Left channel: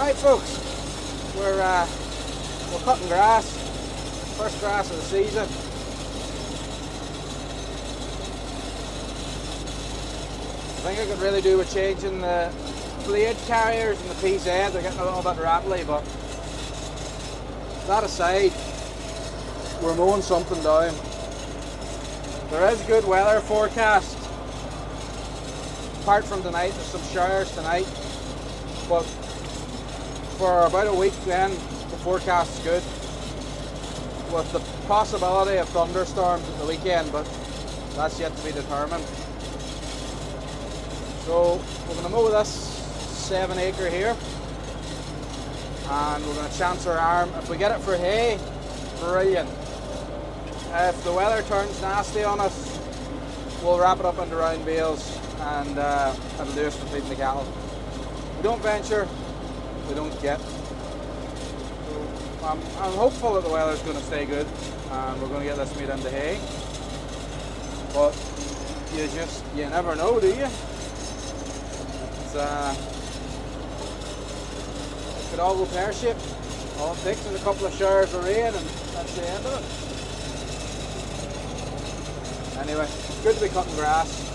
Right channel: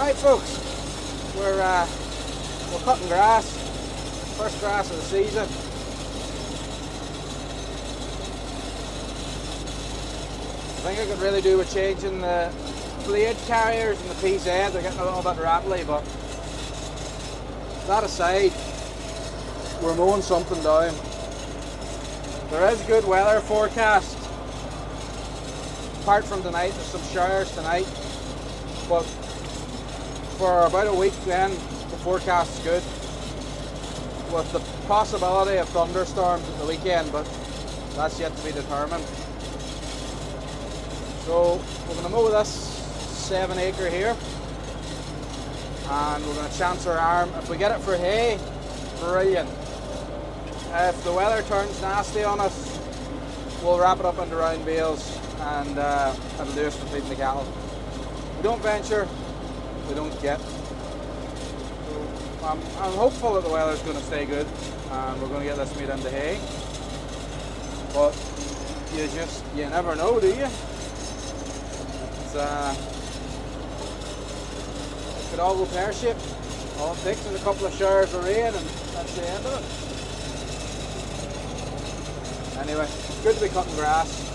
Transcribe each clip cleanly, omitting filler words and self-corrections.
Right folks, we're cutting grass, first grass of the season. I think I could really do with changing the blade carriers and the PZ. They're getting a little bit rattly, but that aside, we're mowing something down. There is good weather forecast. Apart from tonight, there's some showers tonight, but for about a week then, the forecast is good, with the possibility of thunderstorms at the weekend, but that's yet to be determined. So we're going to mow this 7 acre here, and we're going to chance our arm. If we get it for hay, brilliant. If the weather turns nasty on us, we'll wrap it up into round bales, and it'll do us for feeding the cattle. We don't venture, we don't get. So I'm hopeful that the weather's going to stay good and we're going to get this meat into hay. But you never know, do you? It could all go pear-shaped. All it takes is a couple of showers of rain and that's the end of it. Anyway, it's good to be cutting grass.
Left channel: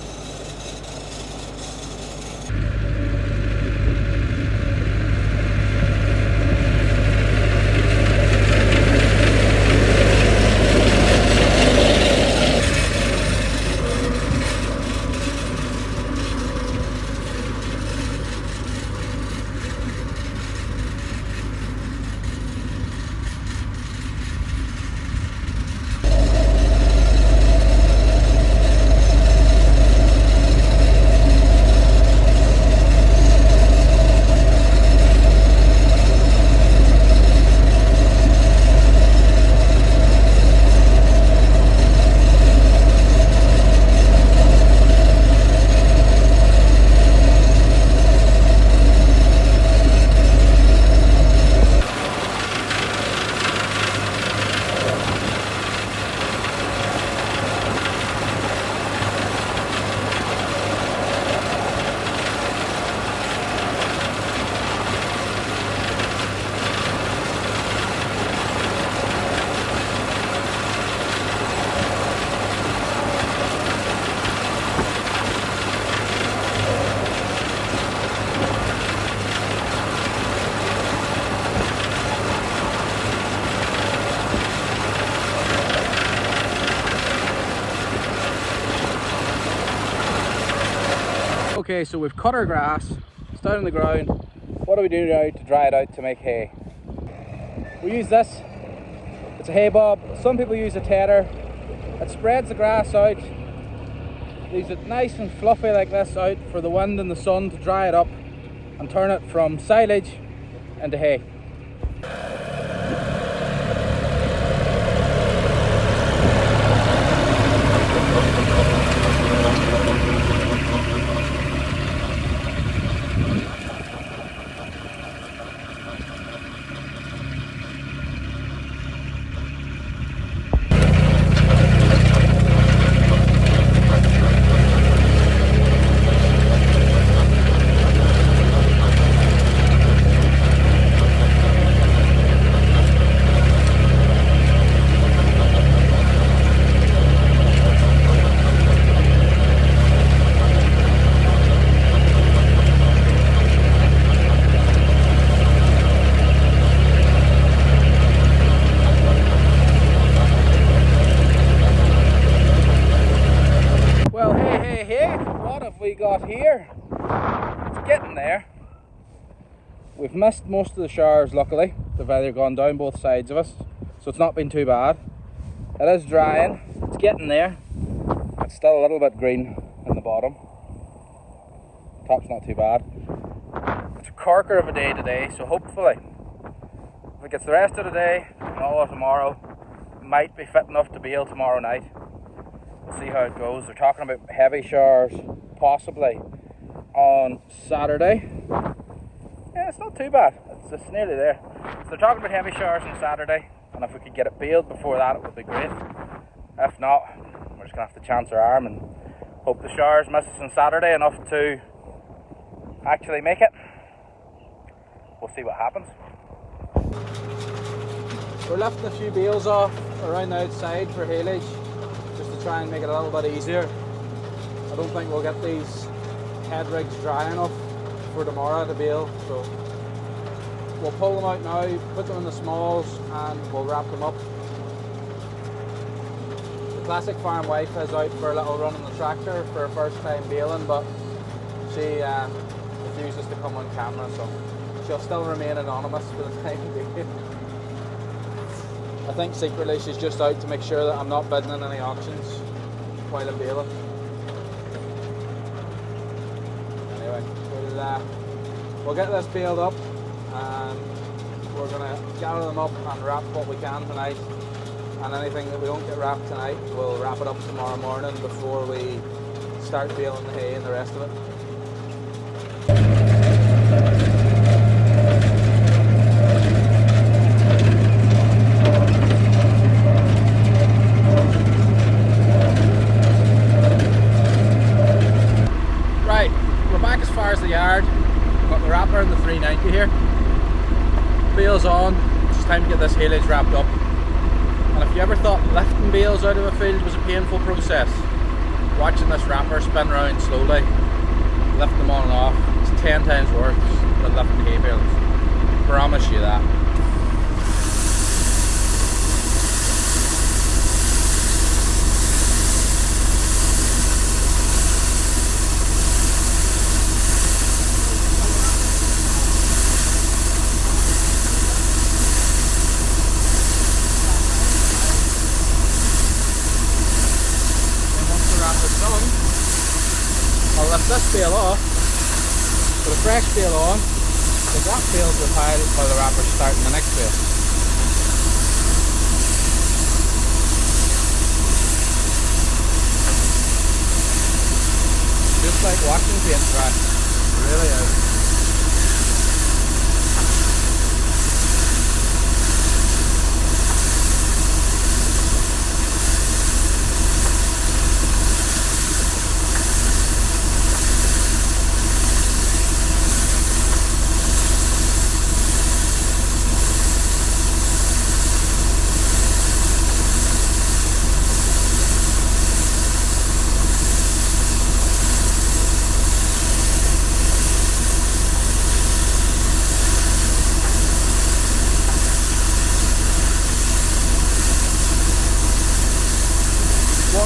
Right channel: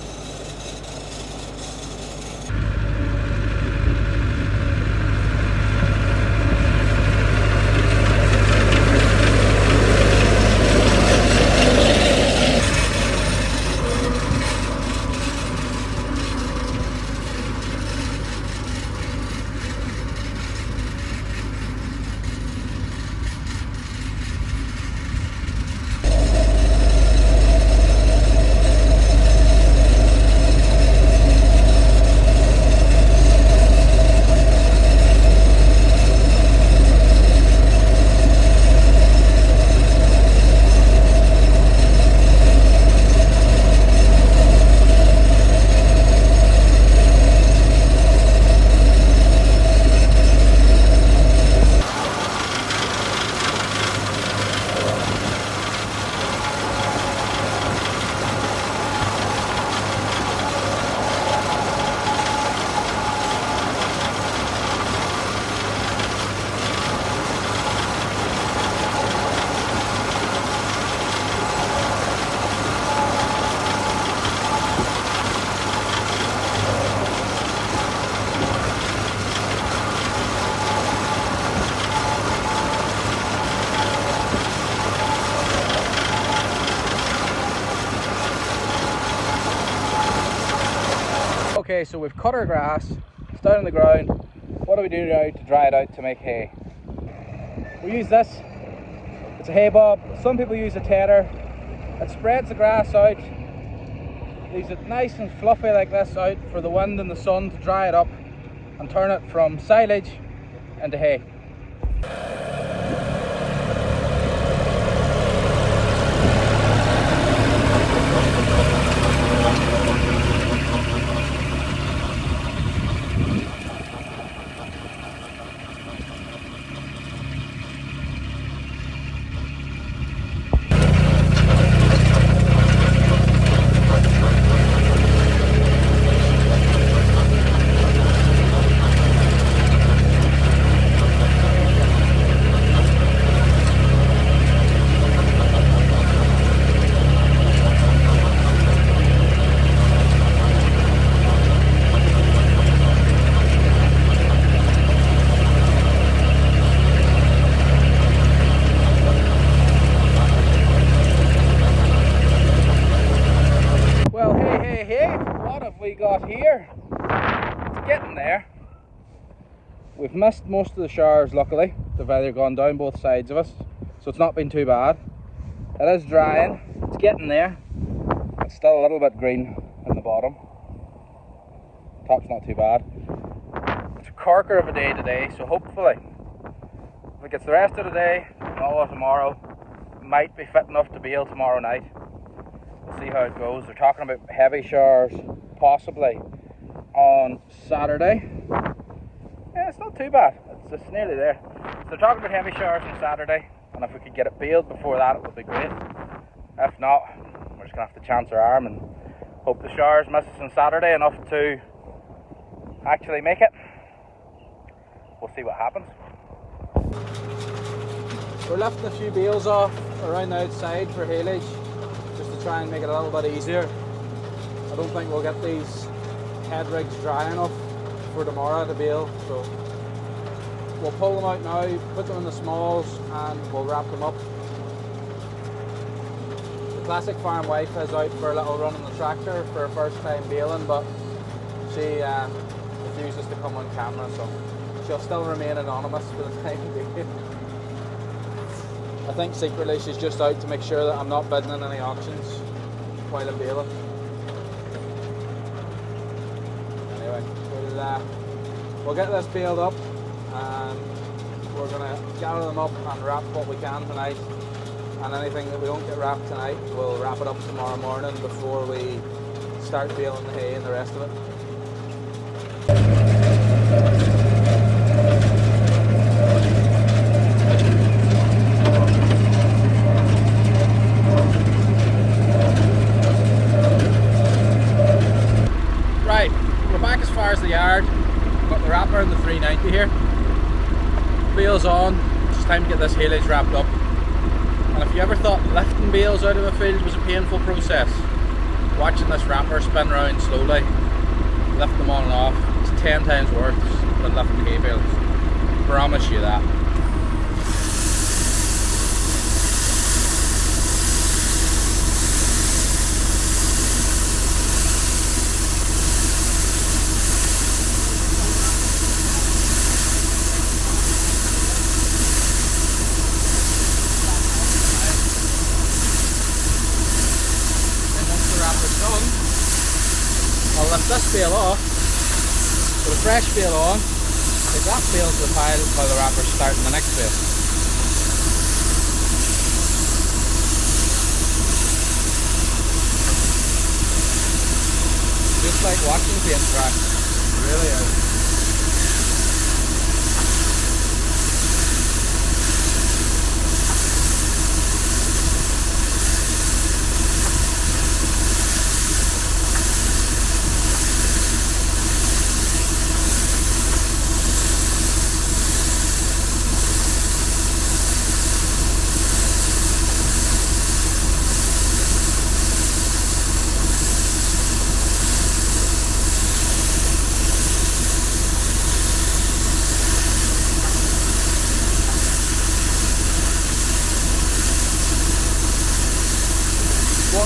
Okay, so we've cut our grass, it's down on the ground. What do we do now to dry it out to make hay? We use this, it's a haybob. Some people use a tedder. It spreads the grass out, leaves it nice and fluffy like this out for the wind and the sun to dry it up and turn it from silage into hay. Here, it's getting there. We've missed most of the showers, luckily. They've either gone down both sides of us, so it's not been too bad. It is drying, it's getting there. It's still a little bit green at the bottom. Top's not too bad. It's a corker of a day today, so hopefully if it gets the rest of the day and all of tomorrow, it might be fit enough to bale tomorrow night. We'll see how it goes. They're talking about heavy showers possibly on Saturday. Yeah, it's not too bad. It's nearly there. So they're talking about heavy showers on Saturday, and if we could get it baled before that, it would be great. If not, we're just gonna have to chance our arm and hope the showers miss us on Saturday enough to actually make it. we'll see what happens. We're lifting a few bales off around the outside for haylage, just to try and make it a little bit easier. I don't think we'll get these head rigs dry enough for tomorrow to bale, so we'll pull them out now, put them in the smalls, and we'll wrap them up. The classic farm wife is out for a little run on the tractor for her first time baling, but she refuses to come on camera, so she'll still remain anonymous for the time being. I think secretly she's just out to make sure that I'm not bidding in any auctions while I'm baling. Anyway, we'll get this baled up, and we're going to gather them up and wrap what we can tonight. And anything that we don't get wrapped tonight, we'll wrap it up tomorrow morning before we start baling the hay and the rest of it. Right, we're back as far as the yard. Got the wrapper and the 390 here. Bales on, it's time to get this haylage wrapped up. And if you ever thought lifting bales out of a field was a painful process, watching this wrapper spin around slowly, lift them on and off, it's 10 times worse than lifting hay bales. Promise you that. This bale off, put a fresh bale on, take that bale to the pile while the wrapper's starting the next bale. Just like watching paint dry, it really is.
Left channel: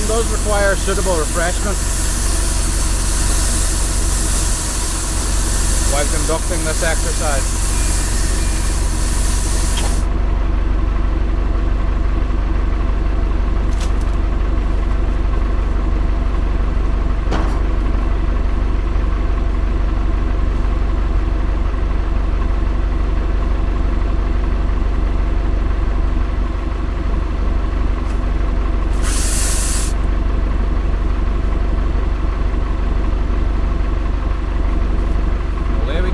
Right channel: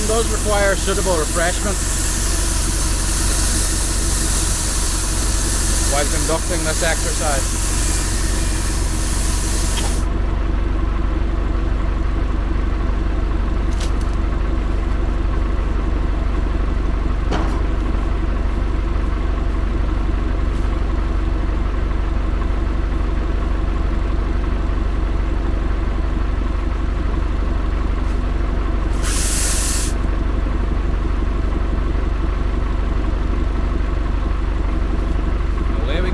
Does require suitable refreshment while conducting this exercise.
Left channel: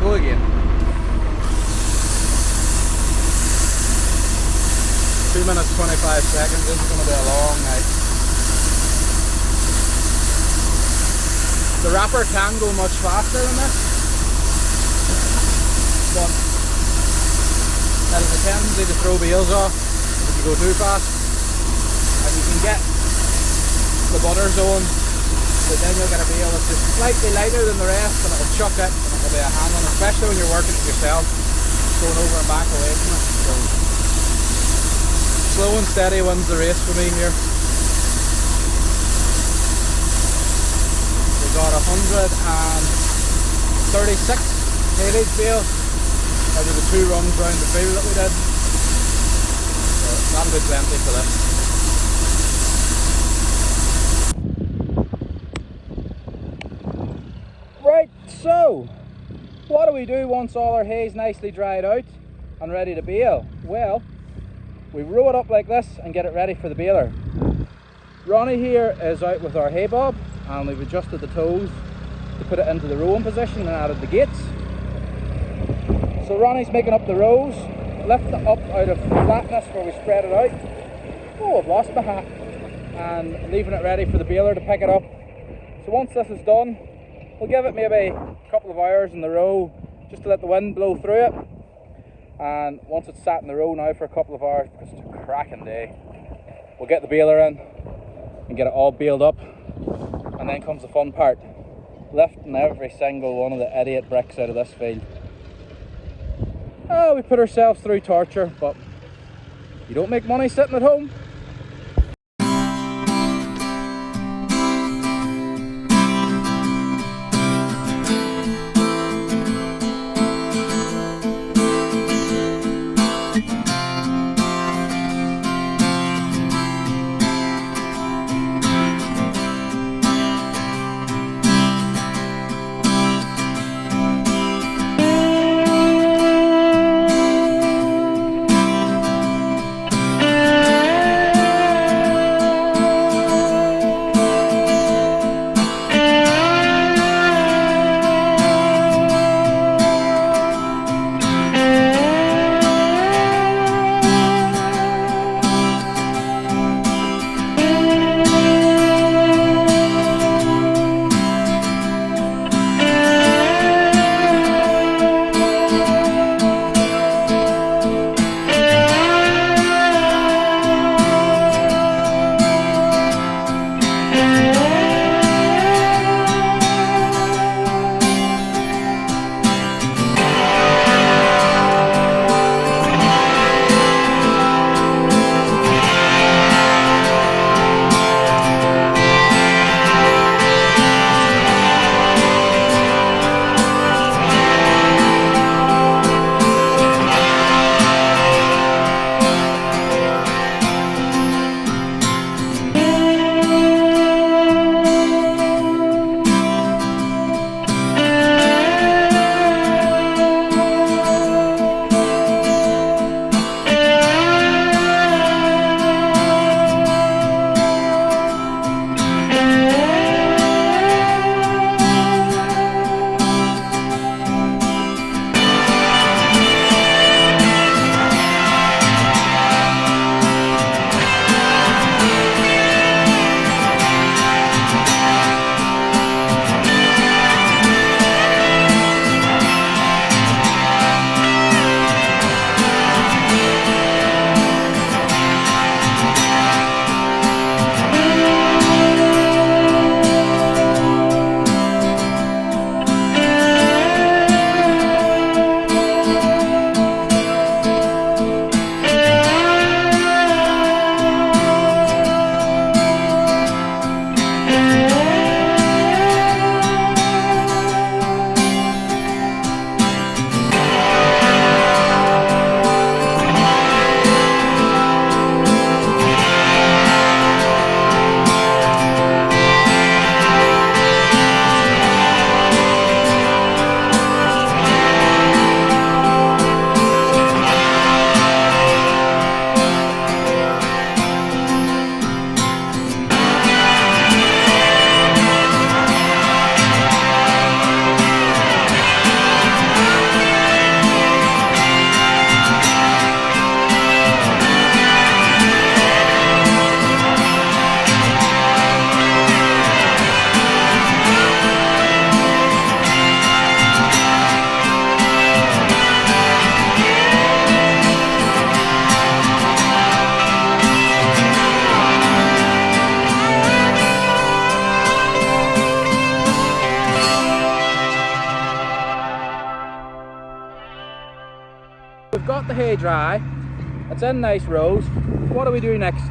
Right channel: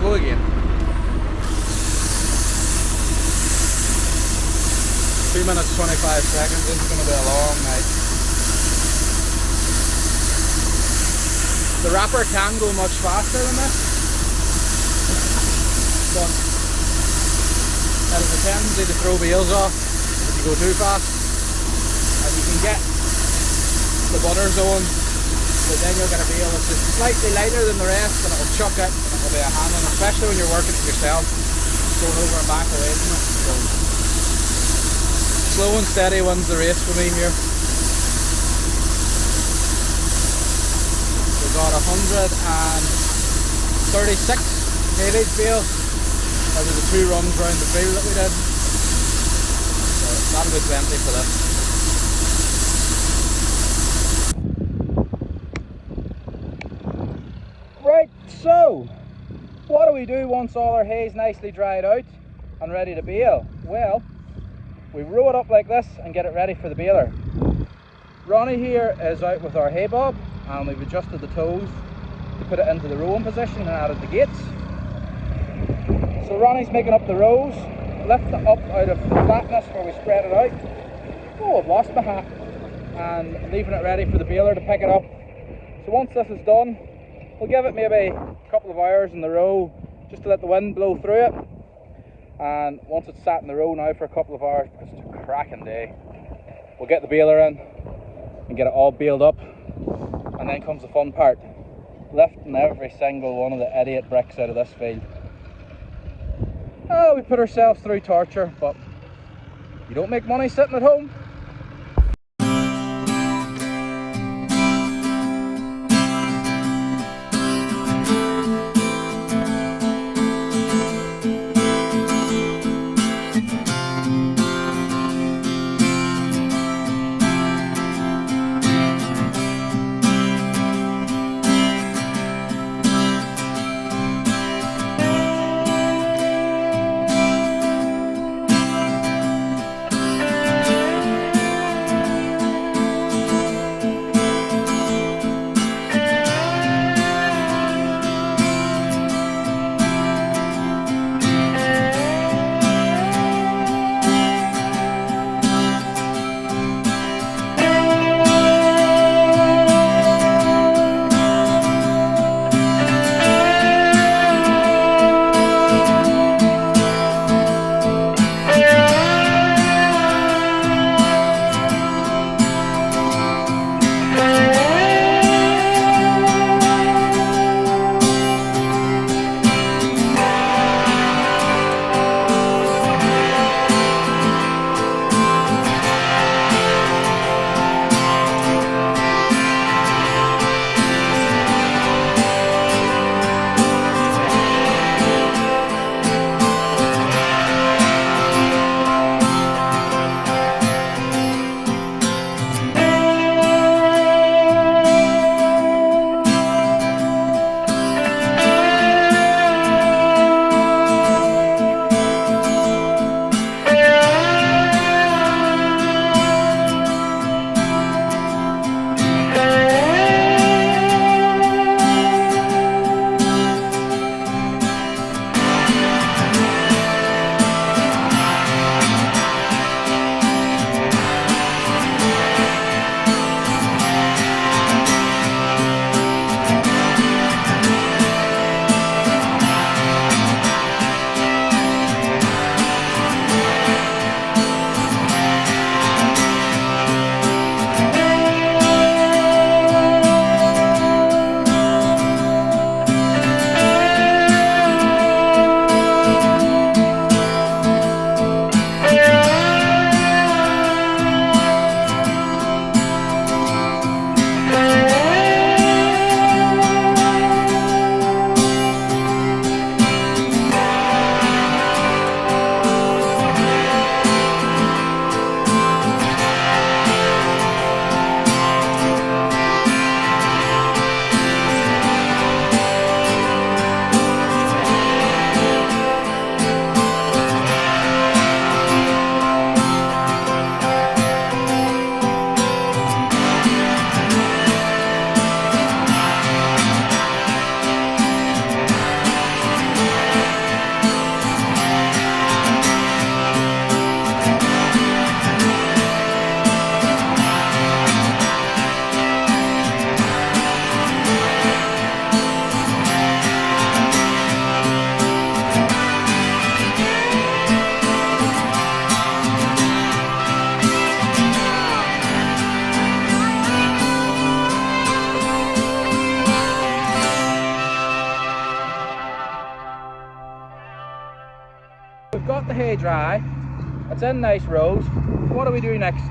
Again. 2 minutes 25 seconds, this is going to be a long night. The wrapper can go much faster than this, but there's a tendency to throw bales off if you go too fast, and you can get the butter zone, but then you'll get a bale that's just slightly lighter than the rest and it'll chuck it. It'll be a handling, especially when you're working it yourself, going over and back away from it. So, slow and steady wins the race for me here. We got 136 haylage bales over the 2 runs round the field that we did. So that'll be plenty for this. Right, so what do we do once all our hay's nicely dried out and ready to bale? Well, we row it up like this and get it ready for the baler. Ronnie here is out with our haybob, and we've adjusted the toes to put it into the rowing position and added the gates. So Ronnie's making up the rows, lift it up out of flatness where we spread it out. Oh, I've lost my hat. And leaving it ready for the baler to pick it up. So once this is done, we'll give it maybe a couple of hours in the row just to let the wind blow through it, And once it's sat in the row now for a couple of hours, because it's a cracking day, we'll get the baler in and get it all baled up, and then comes the fun part, lifting every single one of the idiot bricks out of this field. We put ourselves through torture, but you don't make money sitting at home. We've got the hay dry, it's in nice rows. What do we do next?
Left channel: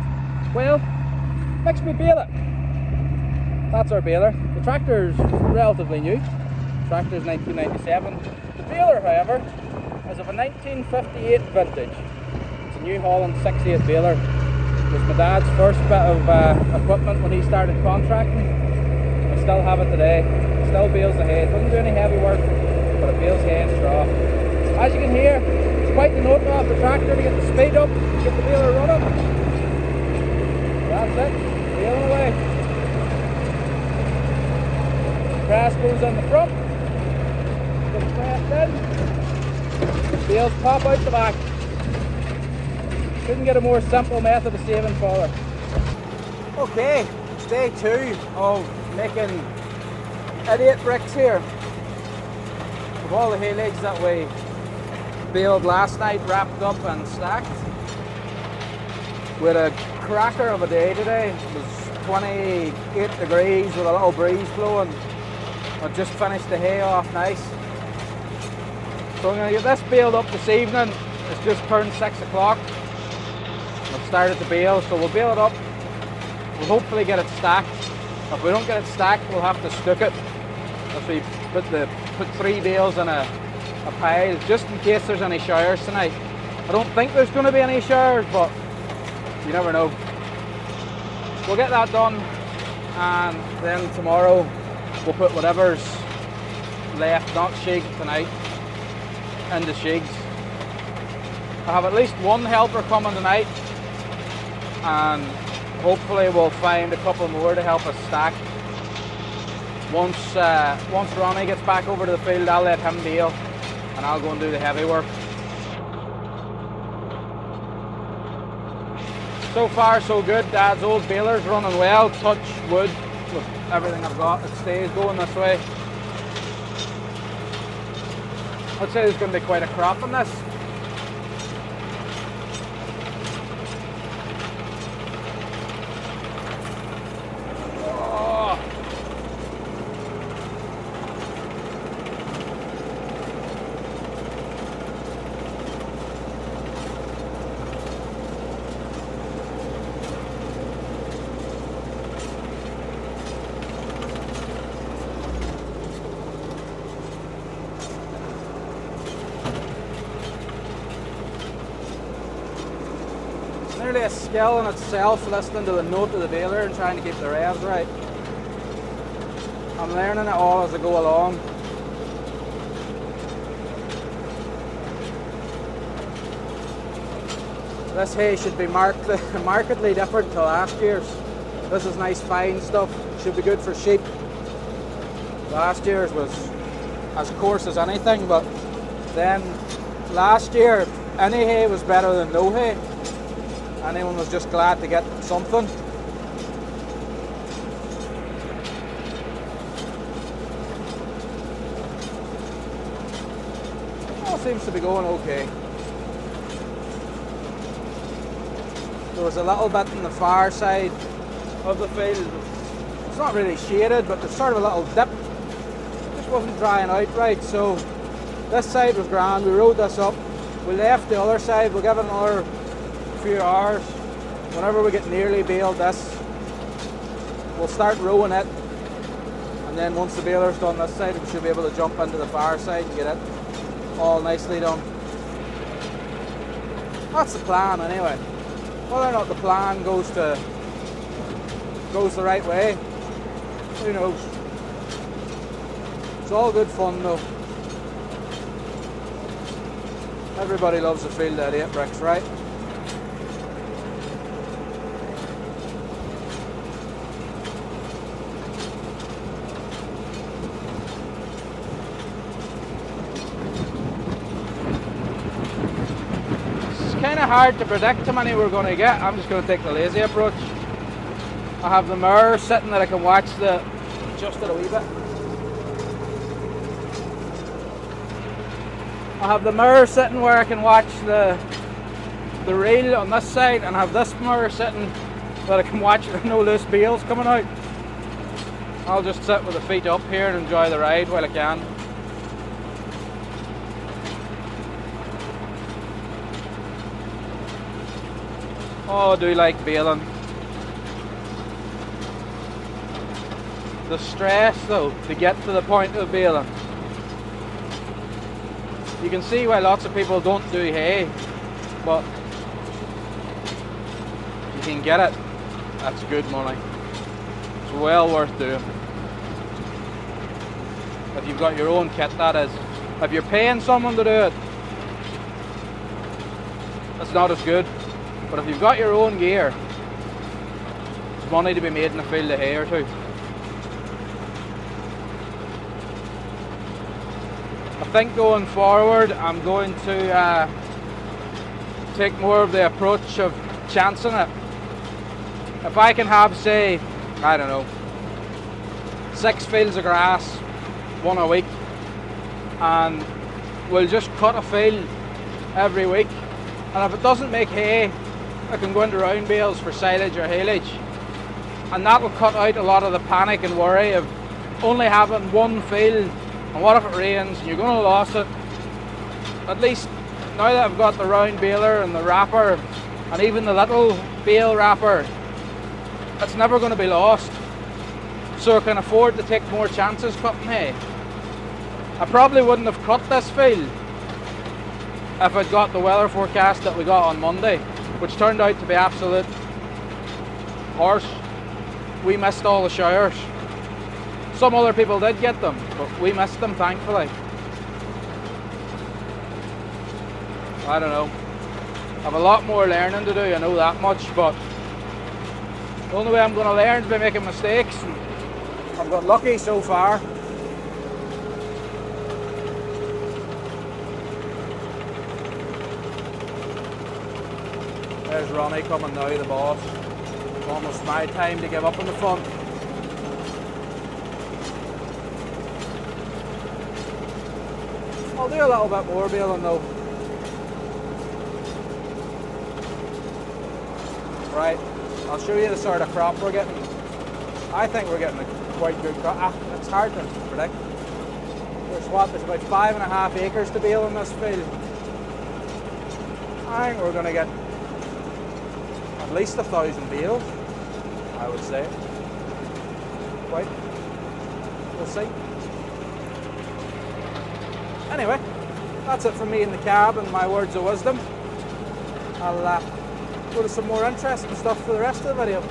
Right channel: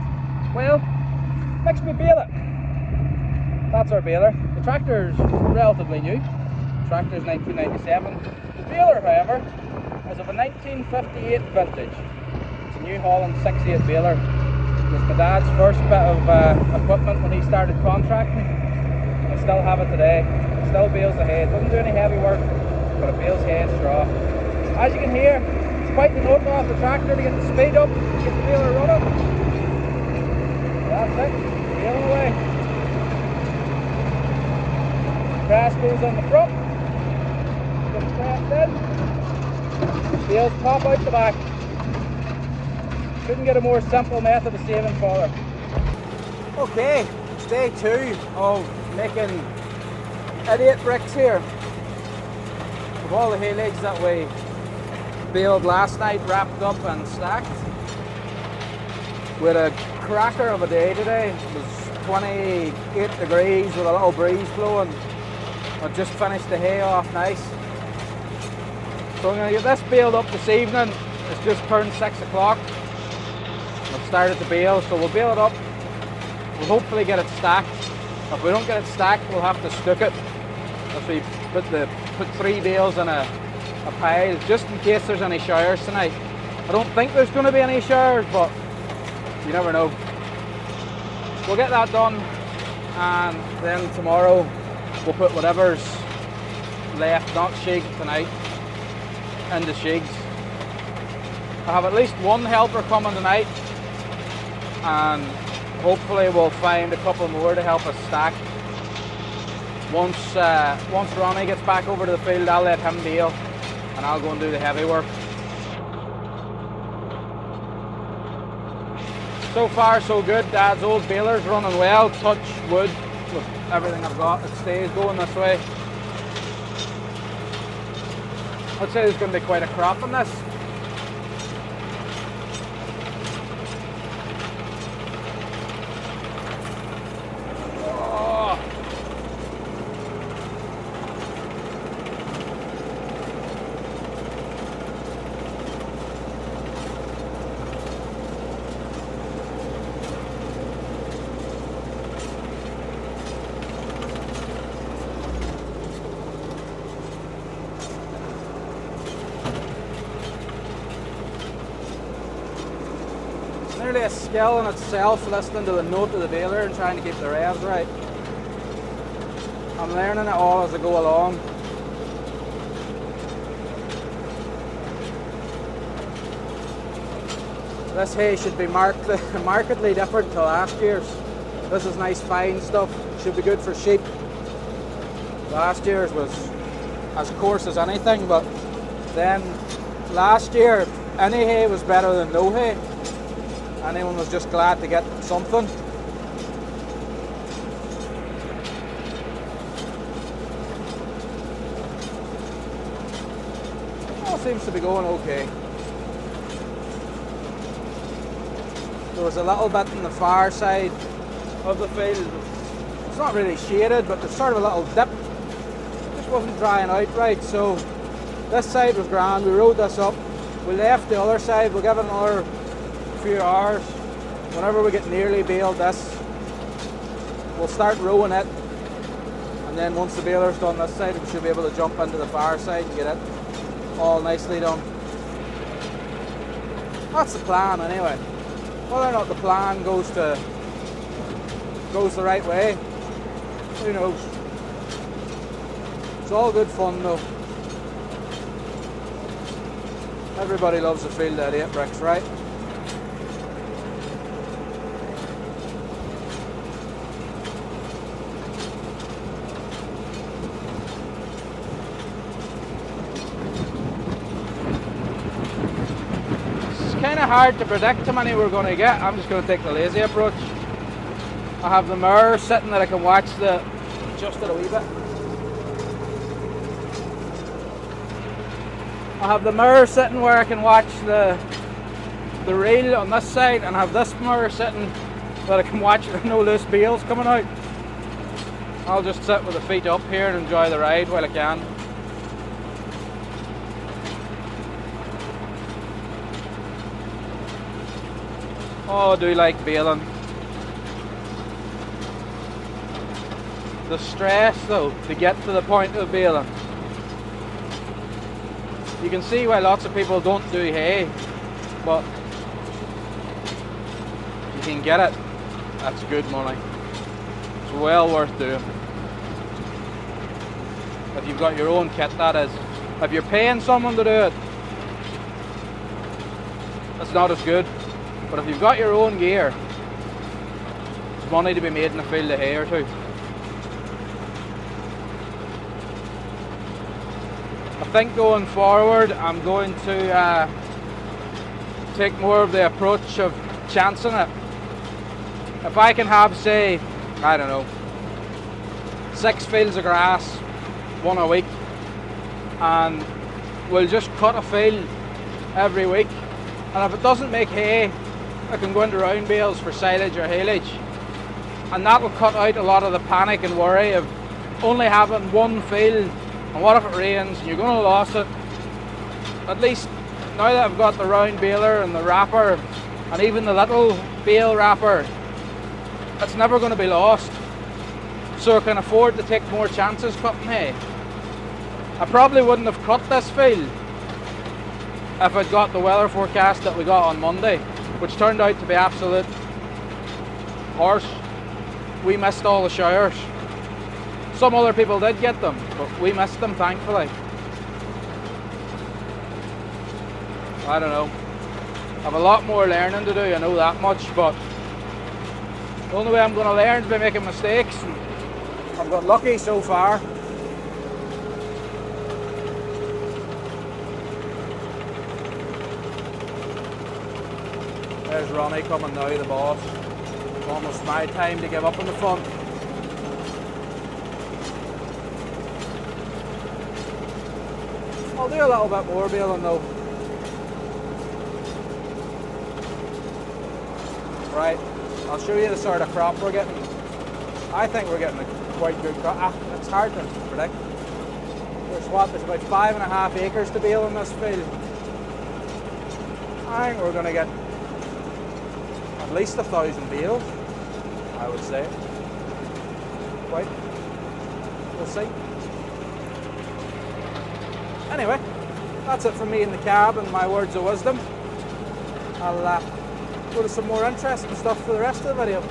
Well, next we bale it. That's our baler. The tractor's relatively new. The tractor's 1997. The baler, however, is of a 1958 vintage. It's a New Holland 6/8 baler. It was my dad's first bit of equipment when he started contracting. We still have it today. It still bales the hay. It doesn't do any heavy work, but it bales hay and straw. As you can hear, it's quite the note off the tractor to get the speed up, get the baler running. That's it. Bale away. Grass goes in the front. Get it pressed in. Bales pop out the back. Couldn't get a more simple method of saving fodder. Okay, day 2 of making idiot bricks here. With all the haylage that we baled last night, wrapped up and stacked. With a cracker of a day today. It was 28 degrees with a little breeze blowing. I just finished the hay off nice. So I'm going to get this baled up this evening. It's just turned 6 o'clock. I've started to bale, so we'll bale it up. We'll hopefully get it stacked. If we don't get it stacked, we'll have to stuck it. If we put 3 bales in a pile, just in case there's any showers tonight. I don't think there's going to be any showers, but you never know. We'll get that done, and then tomorrow we'll put whatever's left, not shig tonight, into shigs. I have at least one helper coming tonight, and hopefully we'll find a couple more to help us stack. Once Ronnie gets back over to the field, I'll let him bale, and I'll go and do the heavy work. So far so good. Dad's old baler's running well, touch wood with everything I've got. It stays going this way. I'd say there's going to be quite a crop in this. Nearly a skill in itself, listening to the note of the baler and trying to keep the revs right. I'm learning it all as I go along. This hay should be markedly different to last year's. This is nice fine stuff, should be good for sheep. Last year's was as coarse as anything, but then last year any hay was better than no hay. Anyone was just glad to get something. All seems to be going okay. There was a little bit on the far side of the field. It's not really shaded, but there's sort of a little dip. It just wasn't drying out right, so this side was grand. We rode this up. We left the other side. We'll give it another few hours. Whenever we get nearly baled this, we'll start rowing it, and then once the baler's done this side, we should be able to jump into the far side and get it all nicely done. That's the plan anyway. Whether or not the plan goes the right way, who knows. It's all good fun though. Everybody loves a field at 8 bricks, right? Kind of hard to predict how many we're going to get. I'm just going to take the lazy approach. I have the mower sitting that I can watch adjust it a wee bit. I have the mower sitting where I can watch the reel on this side, and I have this mower sitting that I can watch no loose bales coming out. I'll just sit with the feet up here and enjoy the ride while I can. Oh, I do like baling. The stress though, to get to the point of baling. You can see why lots of people don't do hay, but you can get it. That's good money. It's well worth doing. If you've got your own kit, that is. If you're paying someone to do it, that's not as good. But if you've got your own gear, there's money to be made in a field of hay or two. I think going forward, I'm going to take more of the approach of chancing it. If I can have, say, I don't know, 6 fields of grass, 1 a week, and we'll just cut a field every week, and if it doesn't make hay, I can go into round bales for silage or haylage, and that will cut out a lot of the panic and worry of only having one field, and what if it rains and you're going to lose it. At least now that I've got the round baler and the wrapper and even the little bale wrapper, it's never going to be lost, so I can afford to take more chances cutting hay. I probably wouldn't have cut this field if I'd got the weather forecast that we got on Monday, which turned out to be absolute harsh. We missed all the showers. Some other people did get them, but we missed them, thankfully. I don't know. I have a lot more learning to do, I know that much, but the only way I'm going to learn is by making mistakes, and I've got lucky so far. There's Ronnie coming now, the boss. Almost my time to give up in the front. I'll do a little bit more baling though. Right, I'll show you the sort of crop we're getting. I think we're getting a quite good crop. It's hard to predict. There's about 5.5 acres to bale in this field. I think we're going to get at least 1,000 bales, I would say. Quite. We'll see. Anyway, that's it from me in the cab and my words of wisdom. I'll go to some more interesting stuff for the rest of the video.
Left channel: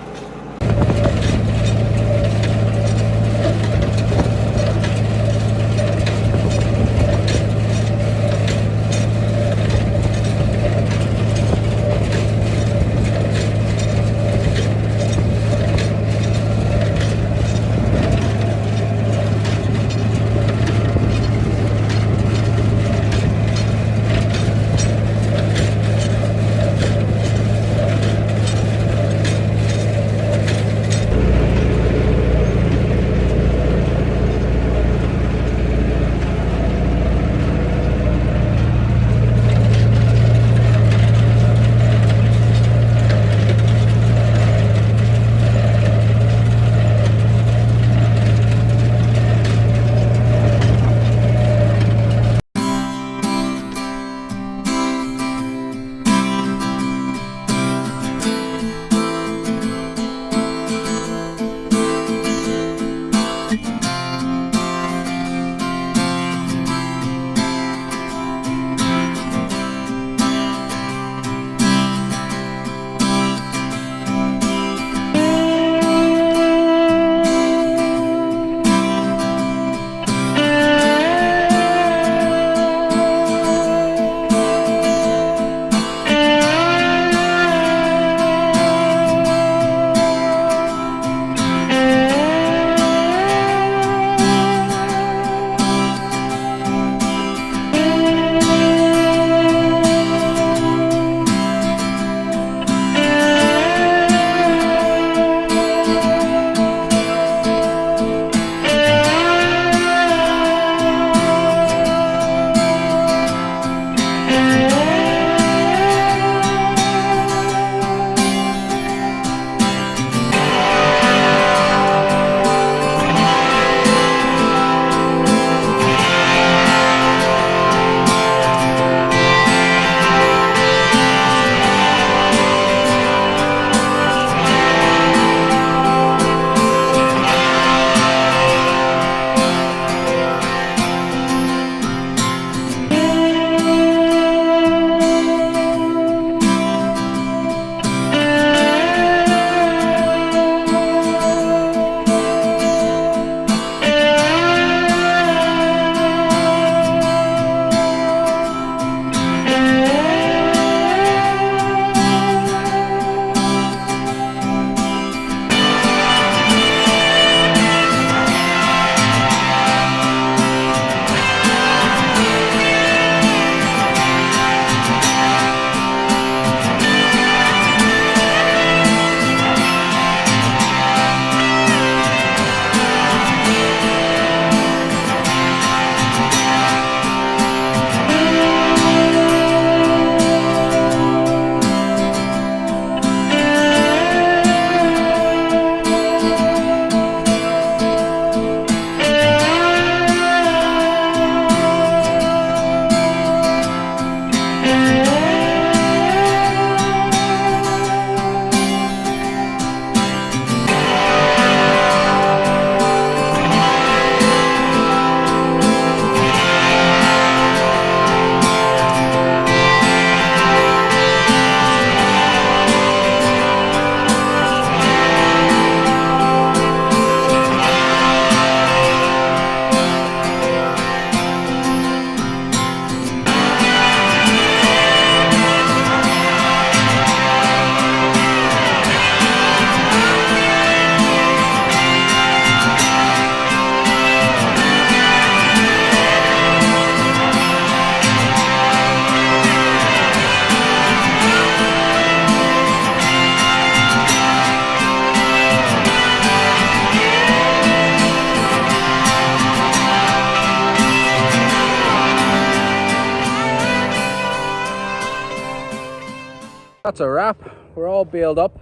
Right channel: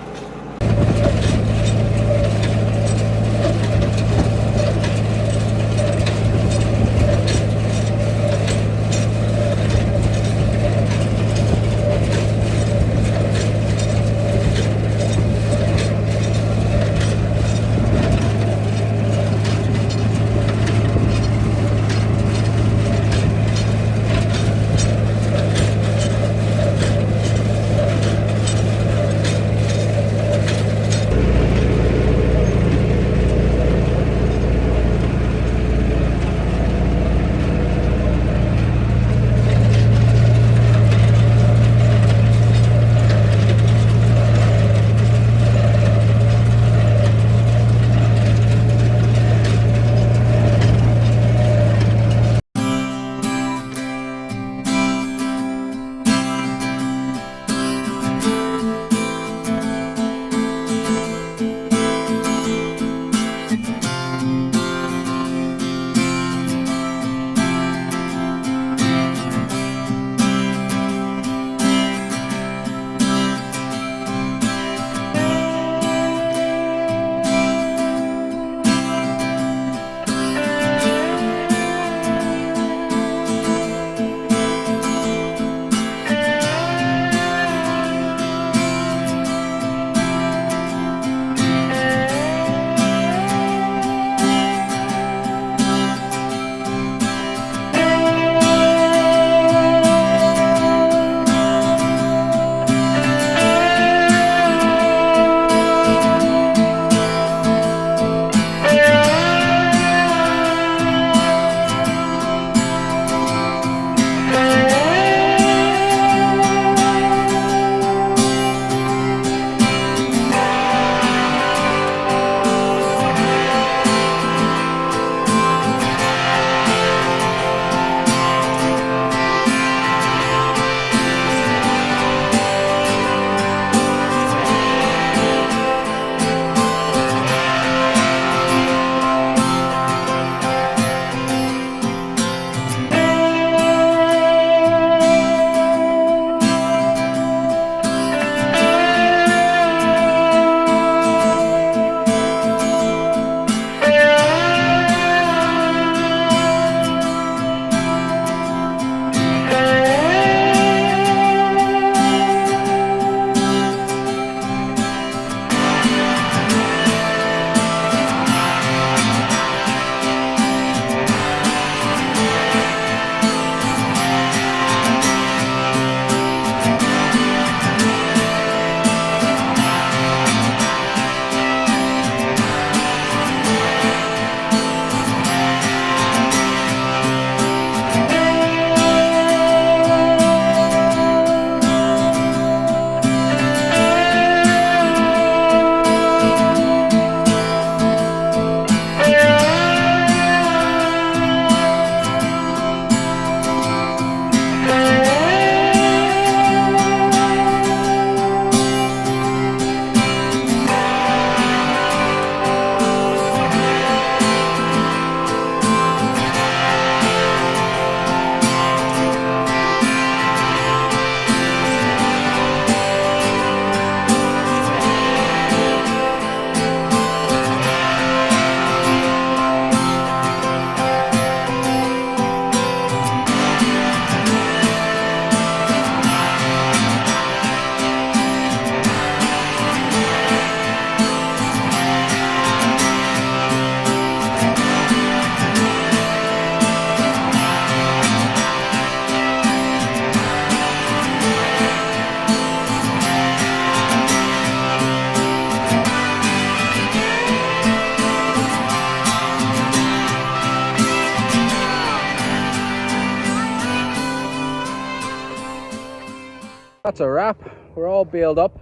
That's a wrap. We're all baled up.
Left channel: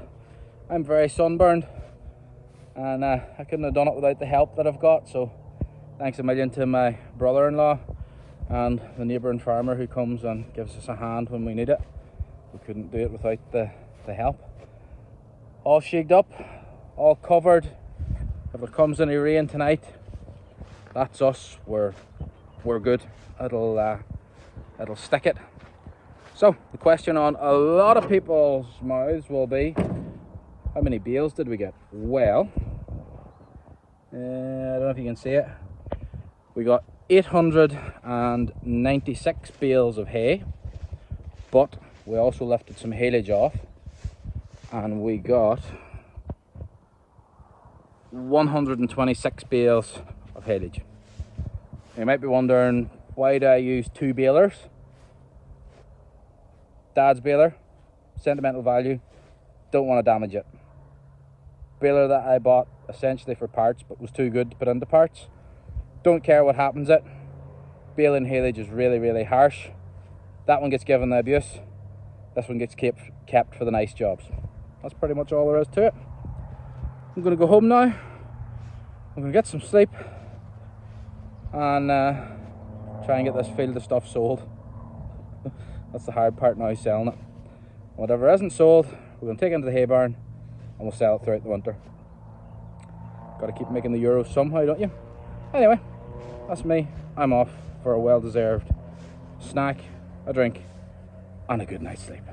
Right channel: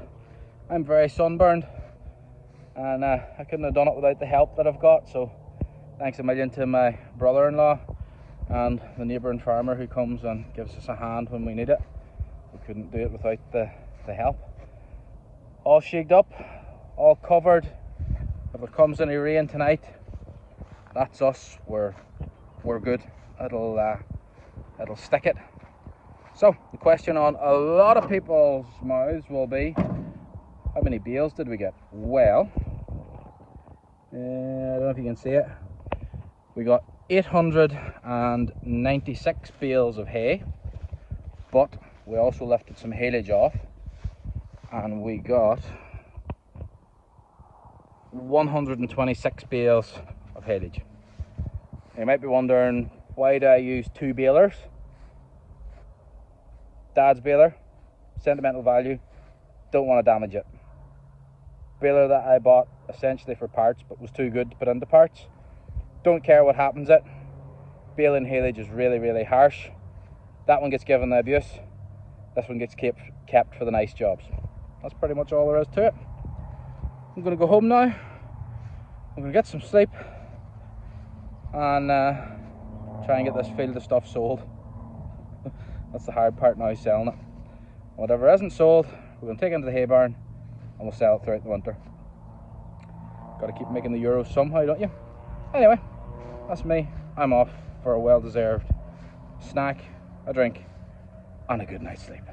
I'm very sunburned, and I couldn't have done it without the help that I've got, so thanks a million to my brother-in-law and the neighbouring farmer who comes and gives us a hand when we need it. We couldn't do it without the help. All shagged up, all covered. If it comes any rain tonight, that's us. We're good. It'll stick it. So the question on a lot of people's mouths will be, how many bales did we get? Well, I don't know if you can see it. We got 896 bales of hay, but we also lifted some haylage off, and we got 126 bales of haylage. You might be wondering, why do I use 2 balers? Dad's baler, sentimental value, don't want to damage it. Baler that I bought essentially for parts, but was too good to put into parts. Don't care what happens it. Baling haylage is really harsh. That one gets given the abuse. This one gets kept for the nice jobs. That's pretty much all there is to it. I'm going to go home now. I'm going to get some sleep and try and get this field of stuff sold. That's the hard part now, selling it. Whatever isn't sold, we're going to take it into the hay barn and we'll sell it throughout the winter. Got to keep making the euros somehow, don't you? Anyway, that's me. I'm off for a well-deserved snack, a drink, and a good night's sleep.